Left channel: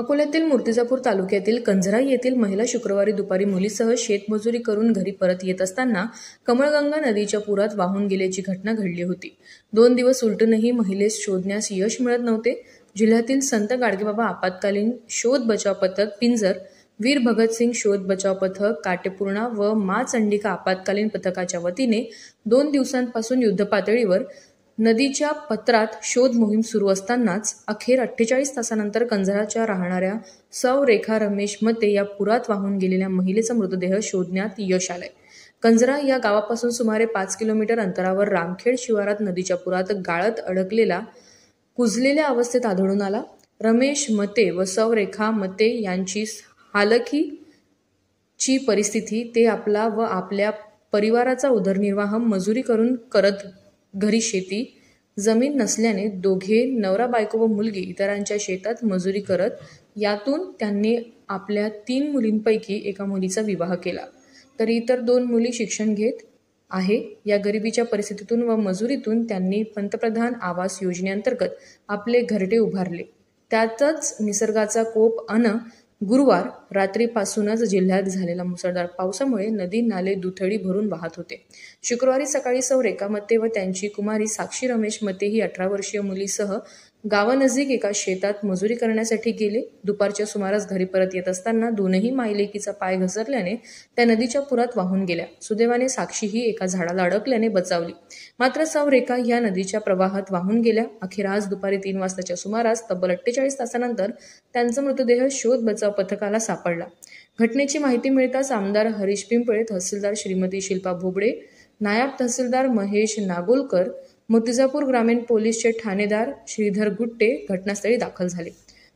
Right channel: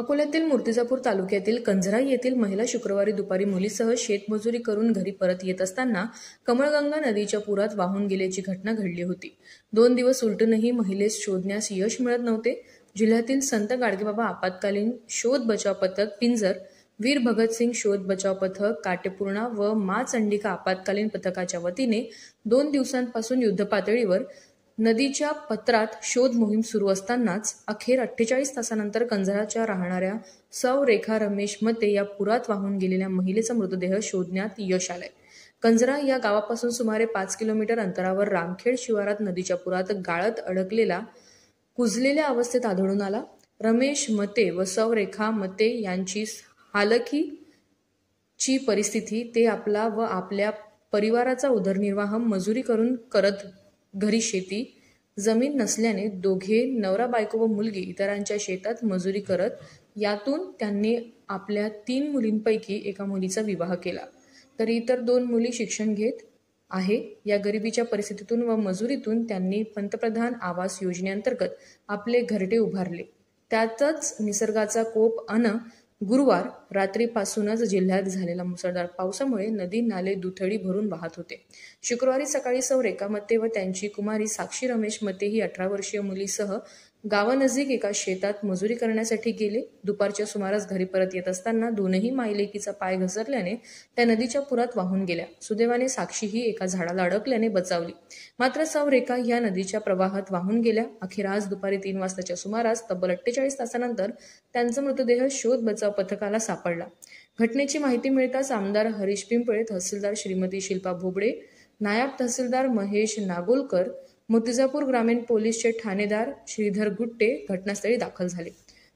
अकोल्यातील मूर्तिजापूर तालुक्यातील कंझरा येथील महिला शुक्रवारी दुपारी मुलीसह शेतमजुरी करून घरी परत येत असताना कमळगंगा नदीच्या पुरात वाहून गेल्याची घटना घडली होती। 2 दिवस उलटूनही महिलेस शोधण्यास यश मिळत नव्हते। जिल्ह्यातील संत गाडगेबाबा आपत्कालीन शोध बचाव पथक पिंजर, वीर भगतसिंग शोध बचाव पथक काटेपूर्णा व मा चंडिका आपत्कालीन पथकाच्या वतीने 2 दिवसांपासून युद्धपातळीवर नदीच्या पत्रात शोध मोहीम सुरू असतानाच अखेर 48 तासानंतर कंझराच्या राहणाऱ्या सौ रेखा रमेश मते या पुरात वाहून गेलेल्या महिलेचा मृतदेह शोधण्यात यश आले। कंझरा या गावापासून सुमारे 5 किलोमीटर अंतरावर रामखेड शिवारात नदीच्या पुरात गाळत अडकलेला कुजलेल्या अवस्थेत आढळून आला। रमेश मते व सौ रेखा मते यांची हालखीची परिस्थिती, ते आपला व आपल्या परिवाराचा उदरनिर्वाह मजुरी करून करत घरी शेती जमीन नसल्याने दोघे नवरा बायको व मुलगी इतरांच्या शेतात मजुरी करत, यातून त्यांनी आपल्या 3 मुलींपैकी एका मुलीचा विवाह केला, तर इतर 2 मुली शिक्षण घेत आहे। या गरिबीच्या परिस्थितीतून व मजुरीतून त्यांनी पंतप्रधान आवास योजनेअंतर्गत आपले घरटे उभारले। त्यातच निसर्गाचा कोप गुरुवार रात्रीपासूनच जिल्ह्यात झालेल्या मुसळधार पावसामुळे नदी नाले दुथडी भरून वाहत होते। शुक्रवारी सकाळी सौ रेखा मते व त्यांची कुमारी साक्षी रमेश मते ही 18 वर्षीय मुलीसह गावानजीक एका शेतात मजुरी करण्यासाठी गेले। दुपारच्या सुमारास घरी परत येत असताना दोनही मायलेकीचा पाय घसरल्याने त्या नदीच्या पुरात वाहून गेल्या। सुदैवाने साक्षी ही एका झाडाला अडकल्याने बचावली, मात्र सौ रेखा ह्या नदीच्या प्रवाहात वाहून गेल्या। अखेर आज दुपारी 3 वाजताच्या सुमारास तब्बल 48 तासानंतर त्यांचा मृतदेह शोध बचाव पथकाला सापडला। घटनेची माहिती मिळताच आमदार हरीश पिंपळे, तहसीलदार श्रीमती शिल्पा भोबडे, नायब तहसीलदार महेश नागोलकर, मूर्तिजापूर ग्रामीण पोलीसचे ठाणेदार श्रीधर गुट्टे घटनास्थळी दाखल झाले।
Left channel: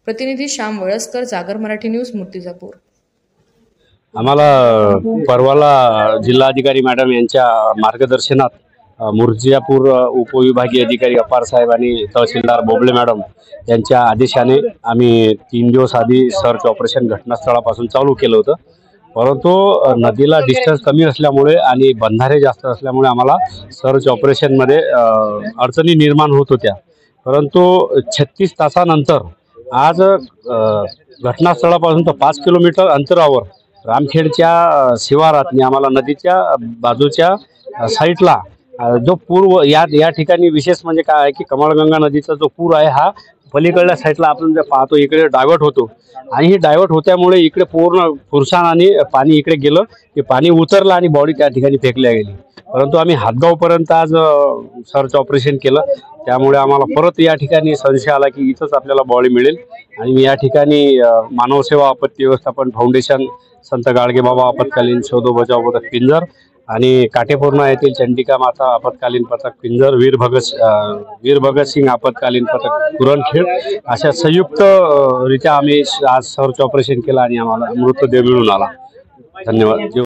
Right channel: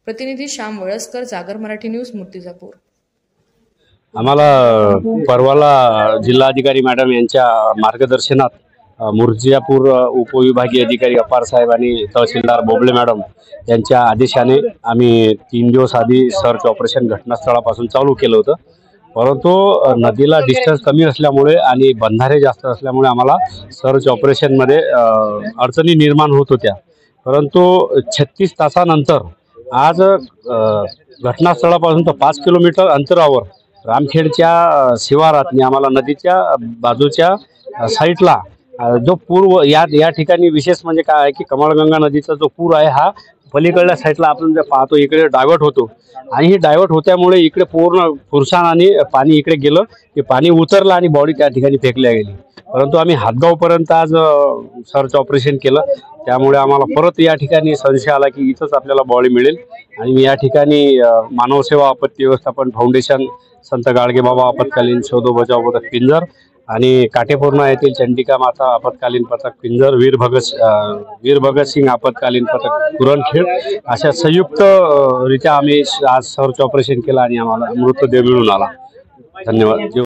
प्रतिनिधी श्याम वळसकर, जागर मराठी न्यूज, मूर्तिजापूर। आम्हाला परवाला जिल्हाधिकारी मॅडम यांच्या मार्गदर्शनात मूर्तिजापूर उपविभागीय अधिकारी अपार साहेब आणि तहसीलदार बोबळे मॅडम यांच्या आदेशाने आम्ही 3 दिवस आधी सर्च ऑपरेशन घटनास्थळापासून चालू केलं होतं, परंतु नदीला डिस्टन्स कमी असल्यामुळे आणि बंधारे जास्त असल्यामुळे आम्हाला सर्च ऑपरेशनमध्ये अडचणी निर्माण होत होत्या। परंतु 36 तासानंतर आज घटनास्थळापासून 5 किलोमीटर अंतरावर रामखेडच्या शिवारात आम्हाला नदीच्या बाजूच्या साईडला जो पूर या ठिकाणी विशेष म्हणजे काय आहे की कमळगंगा नदीचा जो पूर आहे हा पलीकडल्या साईडला आपण जे पाहतो इकडे डायव्हर्ट होतो, आणि ही डायव्हर्ट होत्यामुळे इकडे पूर्ण फुरसाणाने पाणी इकडे गेलं, की पाणी उतरलं आणि बॉडी त्या ठिकाणी फेकल्या गेली। परंतु आम्ही हातगावपर्यंत आज सर्च ऑपरेशन केलं, त्यामुळे आम्हाला परत या ठिकाणी संशय आला की इथंच आपल्याला बॉडी मिळेल, आणि मी या ठिकाणी मानवसेवा आपत्ती व्यवस्थापन फाउंडेशन, संत गाडगेबाबा आपत्कालीन शोध बचाव पथक पिंजर आणि काटेपूर्णा येथील चंडिका माता आपत्कालीन पथक पिंजर, वीर भगतसिंग आपत्कालीन पथक पुरणखेड अशा संयुक्त रित्या आम्ही आज सर्च ऑपरेशन केलं आणि आम्हाला मृतदेह मिळून आला। धन्यवाद।